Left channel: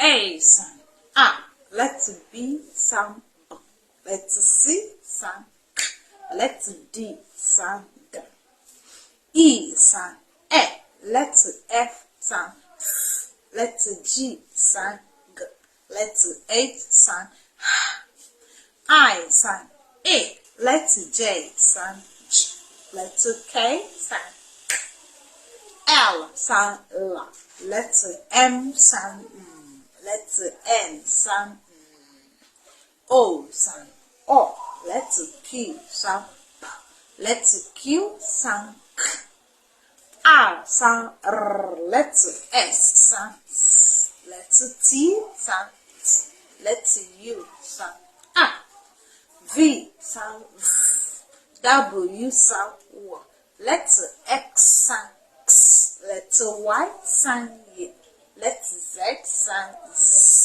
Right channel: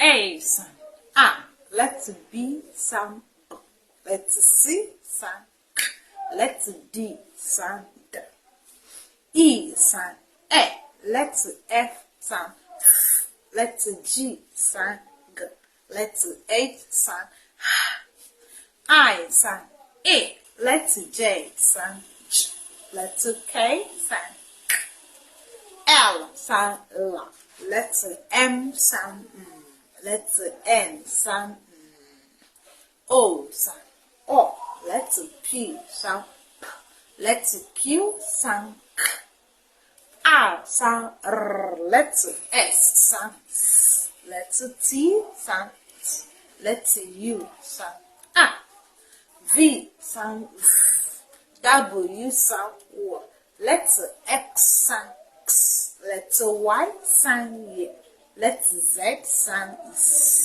A sound A. Let's B sound B. Let's C sound K. Let's D sound D. E sound E. Let's F sound F. Let's G sound G. Let's H sound H. I sound A. Let's J sound J. Let's K sound K. L sound L. Let's M sound M. Let's N sound N. O sound O. Let's P sound P. Let's Q sound K. R sound R. Let's S sound S. Let's T sound T. Let's U sound A. V sound V. W sound W. Let's X sound X. Let's Y sound Y. Let's Z sound Z.